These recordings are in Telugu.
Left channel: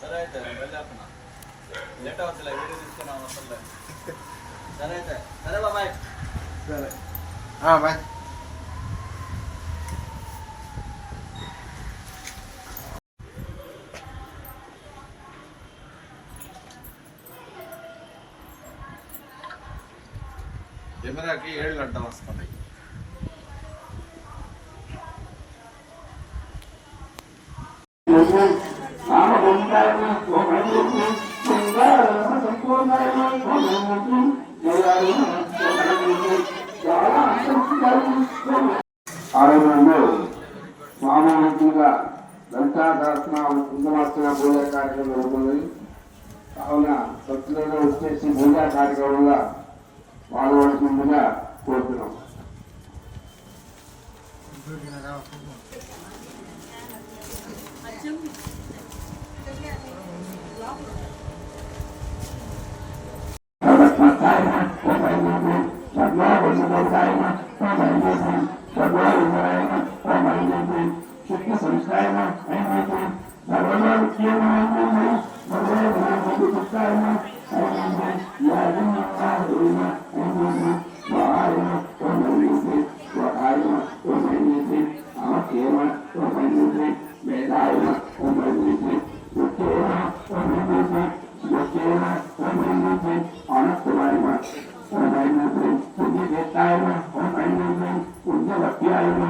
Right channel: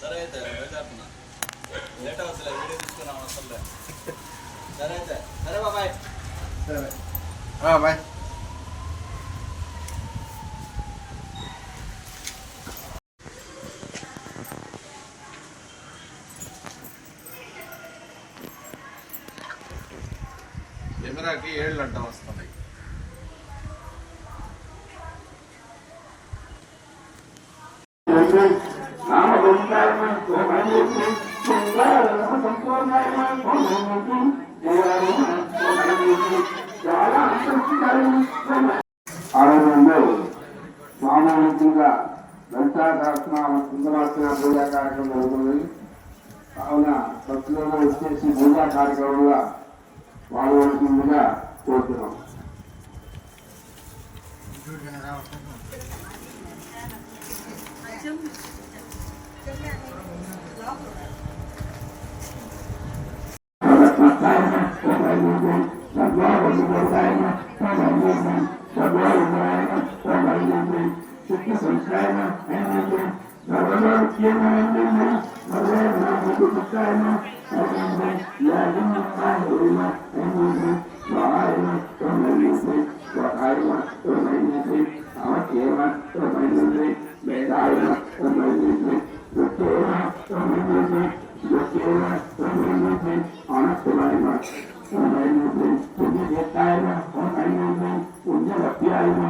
సరే అయితే బయలుదేరుతున్నా లేట్ అవ్వచ్చులే వీడియో తీసుకున్నాం అసలు సరే అయితే సరే బాబాయ్ సరే బాయ్ కెమెరాకి ఏళ్ళు అడ్డం వస్తున్నాయి లలితా సహస్రనామ కుందమార్చన పూజా కార్యక్రమం జరుగుతుంది కావున భక్తులను వచ్చేసి పూజా కార్యక్రమంగా పాల్గొనవలసిందిగా కోరుతున్నాం wszystkie są cztery, będzie narodowe firmy, firmy, narodowe będzie cztery, będzie jedynie arma, będzie to arma, to będzie to arma, to będzie ama kema, to będzie vedayma, to będzie to kema, to będzie to kema, to będzie ana kulayma, to będzie to vegetayma, to będzie to ujalapiyayma,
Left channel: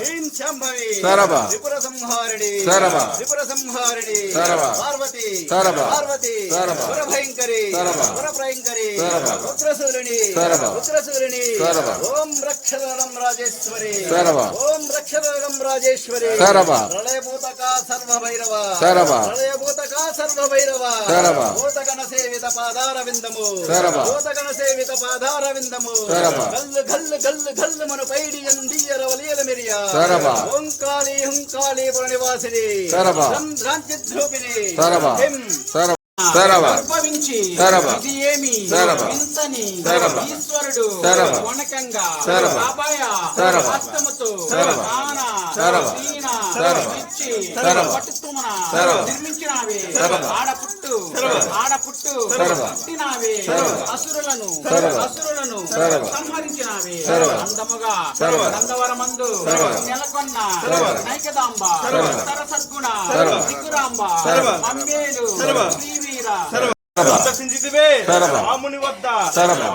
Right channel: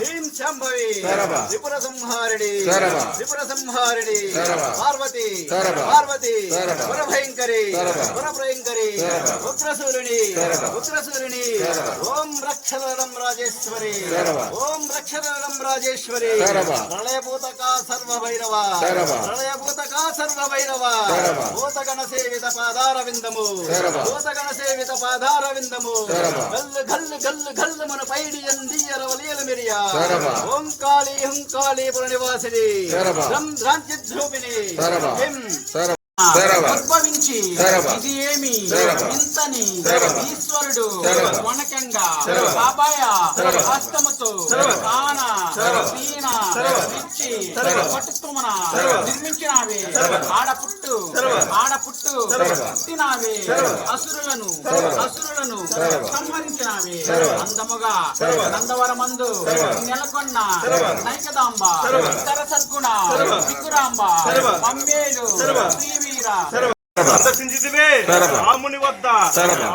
హ్రీం శంభవి సరళ. త్రిపుర సంహారిణి సరళ. త్రిపుర సంహారిణి సరళ. పార్వతి సరళ. పార్వతి సరళ. పురభయంకరి సరళ. పురభయంకరి సరళ. రుద్రశూలిని సరళ. రుద్రశూలిని సరళ. ఓం రక్షదడం రాజేశ్వరి సరళ. ఓం రక్షదడం రాజేశ్వరి సరళ. ప్రళయభూతక సర్వభైరవ సరళ. ప్రళయభూతక సర్వభైరవ సరళ. భూతగణ సేవిత పాదార విందము సరళ. భూతగణ సేవిత పాదార విందము సరళ. గల్లు గల్లు గల్లు గల్లు మన పైడి ఎందియర వలియల మిరియా. ఓంకాళి హుంకాళి పురనివాసిని. ఉద్భవించి. ఇది ఏమి. ఇంతని. ఈశ్వరుడు. వనకంగా. హస్తముతో. దీన ఇచ్చి. పట్టుతుమన. నిర్మించినావే. ఆడపుట్టు ఆడపుట్టు. పుట్టినావే. అసురులను. అసురులను. సంహరించినావే. అందముగా. నందవరమందు. నెలకొన్న. నైకదాంబ. సరసద్గుణ. దిగురాంబ. మమ్మేలు సరళ. సందర్శించితివే. రాముని వద్ద.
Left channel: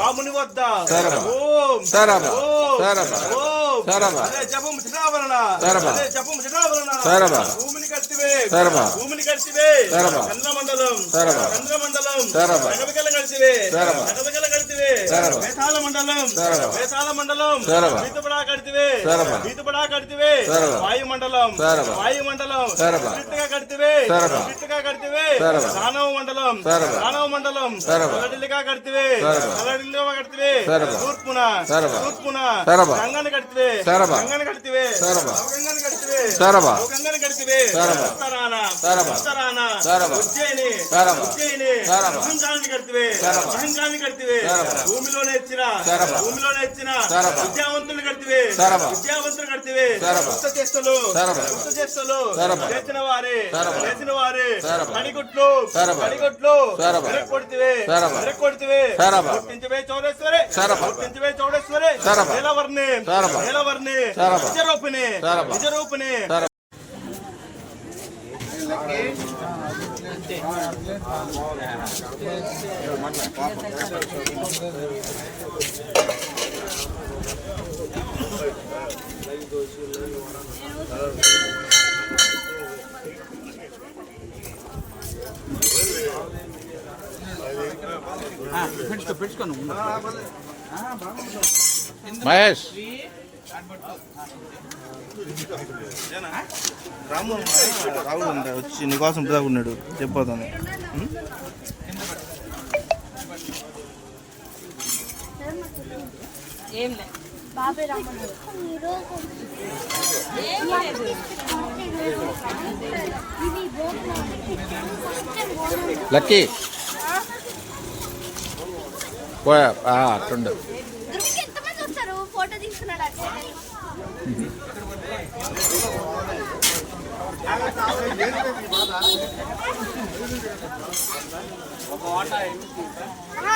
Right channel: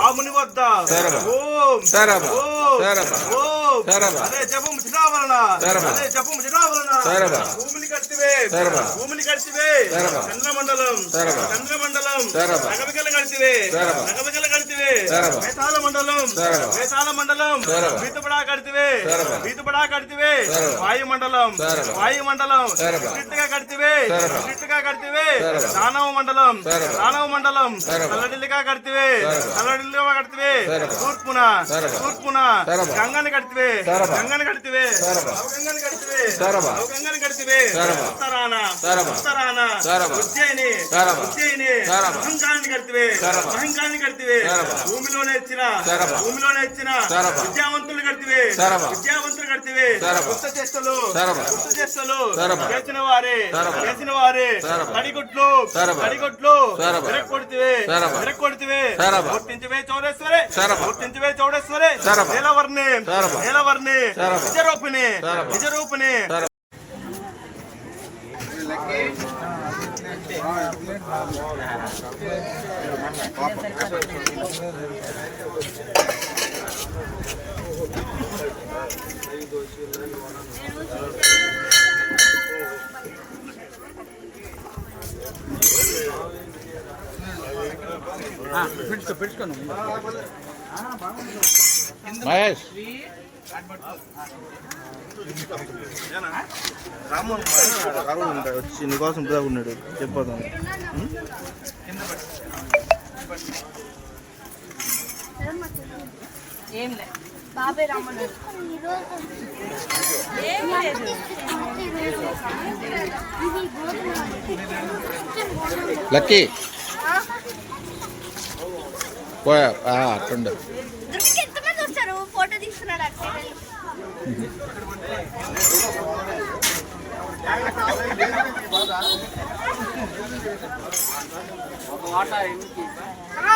రాముని వద్ద. ఓం. ఓం. ఓం. అదే జపం సరళ. అదే జపం. భూమిని. భూమిని. చంద్రమండలం. చంద్రమండలం. నగవికల. నగవికల. వేతాల మండలం. వేతాల మండలం. వీతుపడా. వీతుపడా. వాయుమండలం. వాయుమండలం. స్ట్రిక్ట్గా. స్ట్రిక్ట్గా. దానవ మండలం. దానవ మండలం. తూర్పున. తూర్పున. గంగని కడితివే సరళ. గంగని కడితివే. సరళ. గంగని కడితివే. అహంకారాన్ని. భూమిలోనే ఇచ్చిన. భూమిలోనే ఇచ్చిన. విద్యావంతులు కడితివే. విద్యావంతులు కడితివే. కొత్త చేస్తలు సరళ. కొత్త సరళ. చేసిన వారే. చేసిన వారే. కొడితివే. కొడితివే చౌడేశ్వరే. గుర్తించవే చౌడేశ్వరే. నీలవర్ణి సరళ. నిజరూపిణి సరళ. నిజరూపిణి సరళ. మహేష్ రాము రాహుల్ అంట వచ్చి నీకోసం ఇప్పుడు ఉన్నాడు చెప్పొద్దాం ఏం ఏం లేదు లక్కీ. పోయా. ఆ, ఫోటో తీసుకున్నాడు కట్టుకోడా ఆ,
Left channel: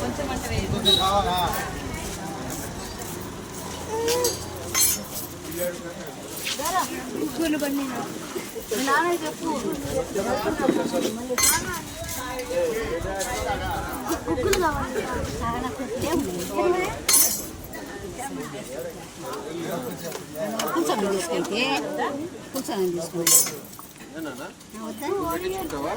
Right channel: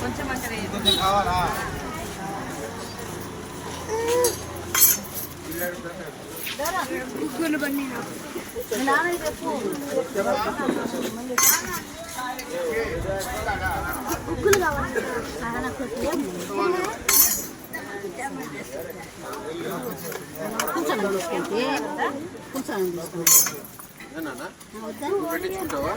కొంచెం అంటే కొంచెం కావాలా? ముగ్గులు బండి నాన్న చెప్పు. కావాలి. తీసుకుంటే కూర్చొని తీసుకుంటే పెట్టించుకుంటావా?